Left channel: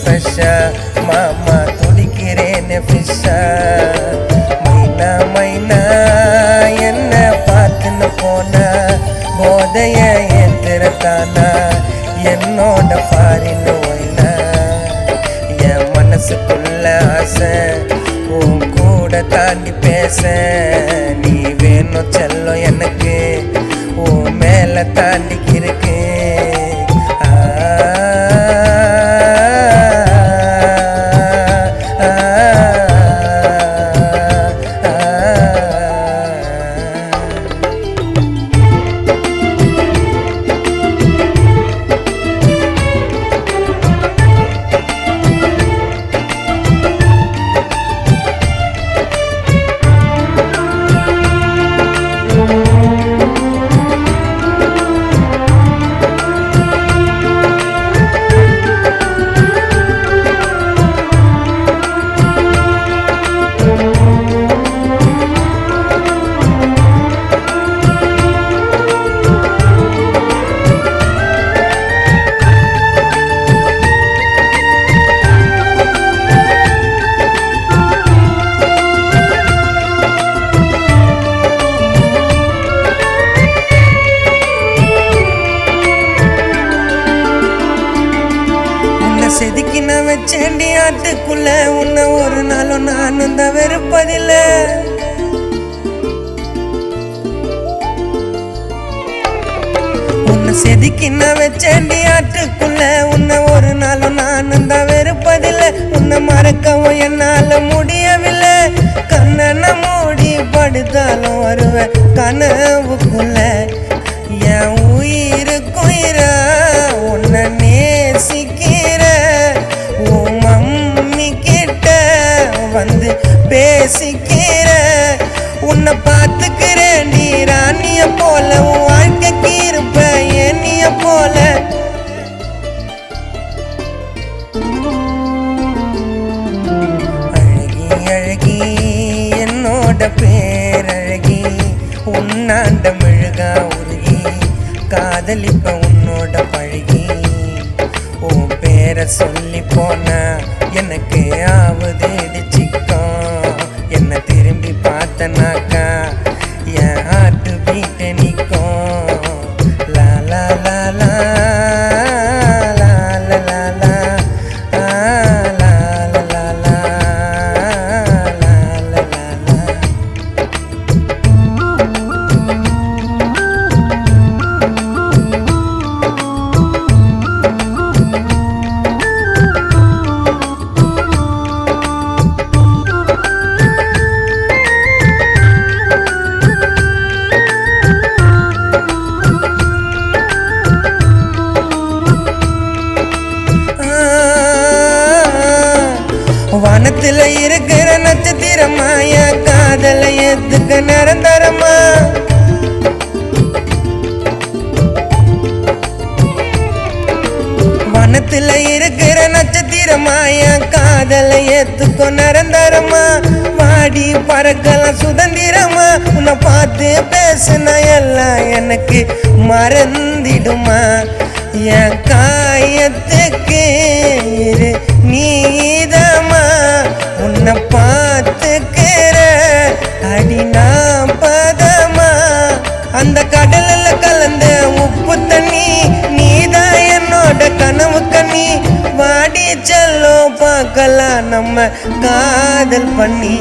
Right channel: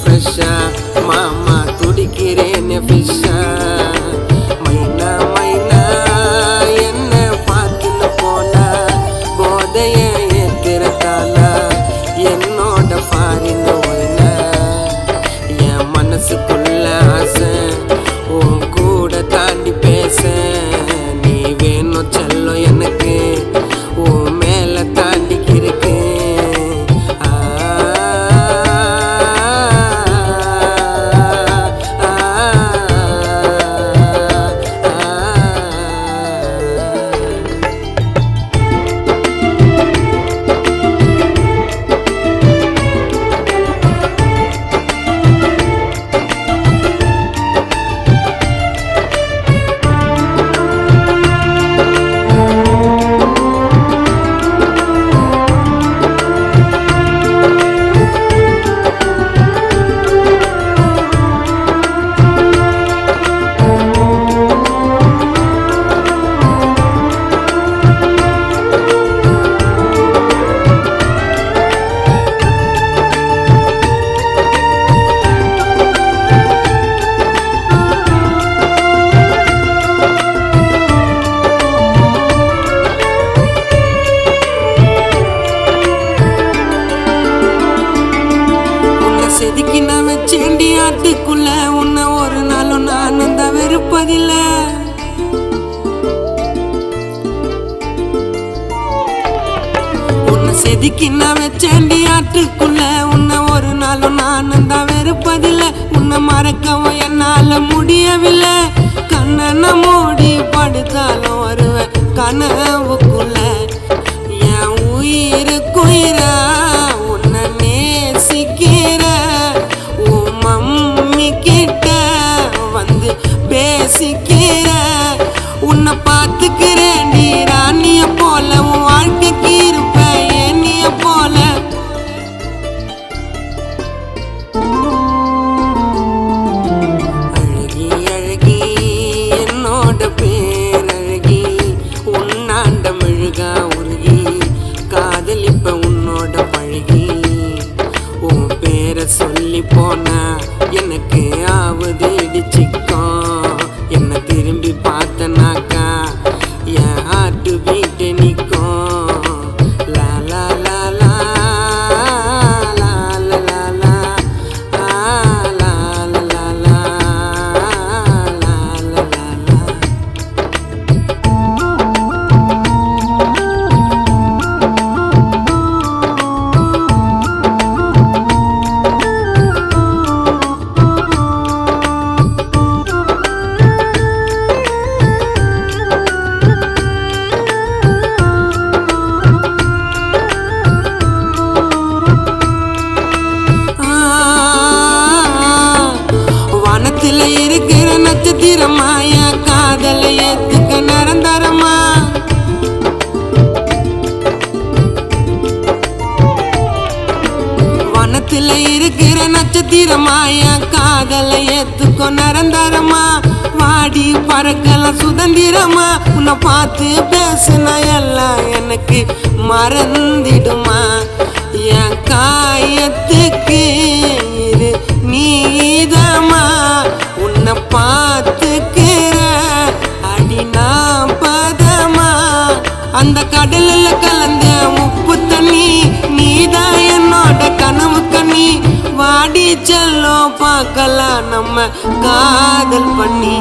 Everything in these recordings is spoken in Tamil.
ஃப்ரெஷ்ஷா மாமா துடிக்கிறேன்னு ஃபிஷ்ஷா மைனா மைனா என்ன பார்த்துன்னு போனா போதைய ஏத்துறதானா என்னோட ஃபாரின் ஒய்னா என் மனசுக்குள்ள ஆசை உன் கூட தாண்டி பேச நீ வேணும் செல்லம் எனக்கு உன் மேல தாண்டிக்கு இருக்கு செதுக்கின ஆட்டுக்குள்ள உன்னை ஒரு நாளும் நானும் தான் வெறுப்பதில்ல உன்னை செதுக்கின வச்சேண்டி ஆட்டுக்குள்ள உன்னை ஒரு நாளும் நானும் தான் வெறுப்பதில்லை உன்னை மறக்கவும் என்னால முடியவில்லை கண்ணனை மூடி படுத்தாலும் வருவேன் கனவுக்குள்ள என் உயிருக்குயிரா உன்னை நேசிக்கிற வந்து பேசிக்கிற உன்னை பார்த்துக்கிறேன் நீ ராணிய போல உன் வாழ்க்கைக்கு இருப்ப என்னைய போல அழகி அழகி என்னோட பேரழகி உன்னாண்ட மெழுகா உருகி காதலிப்ப உன்னோட பழகி உன் பேரை சொல்லி போனா எனக்கு ஆவது இடிச்சிக்கும் என்ன திரும்பி பார்த்தனாக்கா என் ஹார்ட் பீட் நிற்கும் லா லா லா லா லா லா லா லா லா லா லா வானத்துல இருக்கிற நட்சத்திரமா என் காதலை ஏத்துக்க நிரந்தரமா வானத்துல இருக்கிற நட்சத்திரமா என் காதலை ஏத்துக்க நிரந்தரமா வாடி பறக்கலாம் சுதந்திரமா உன்னை பார்த்து பேசுனா எல்லாம் எனக்கு மறந்திடுமா என் காயத்துக்கு இரு நீதமா உன்னை பார்த்துக்கிற அடினா பதமா அந்த கடல்ல கலந்த உப்பு தண்ணி நீதான் என்னோட கனவு கண்ணி வாடி செல்லோ பார்க்கலாம் நம்ம காதல் பண்ணி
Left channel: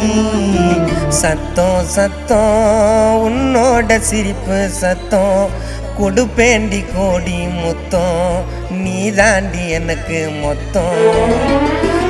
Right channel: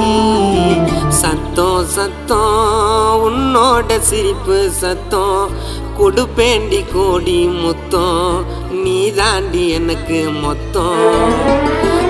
சத்தம் சத்தம் உன்னோட சிரிப்பு சத்தம் கொடுப்பேண்டி கோடி முத்தம் நீ தாண்டி எனக்கு மொத்தம்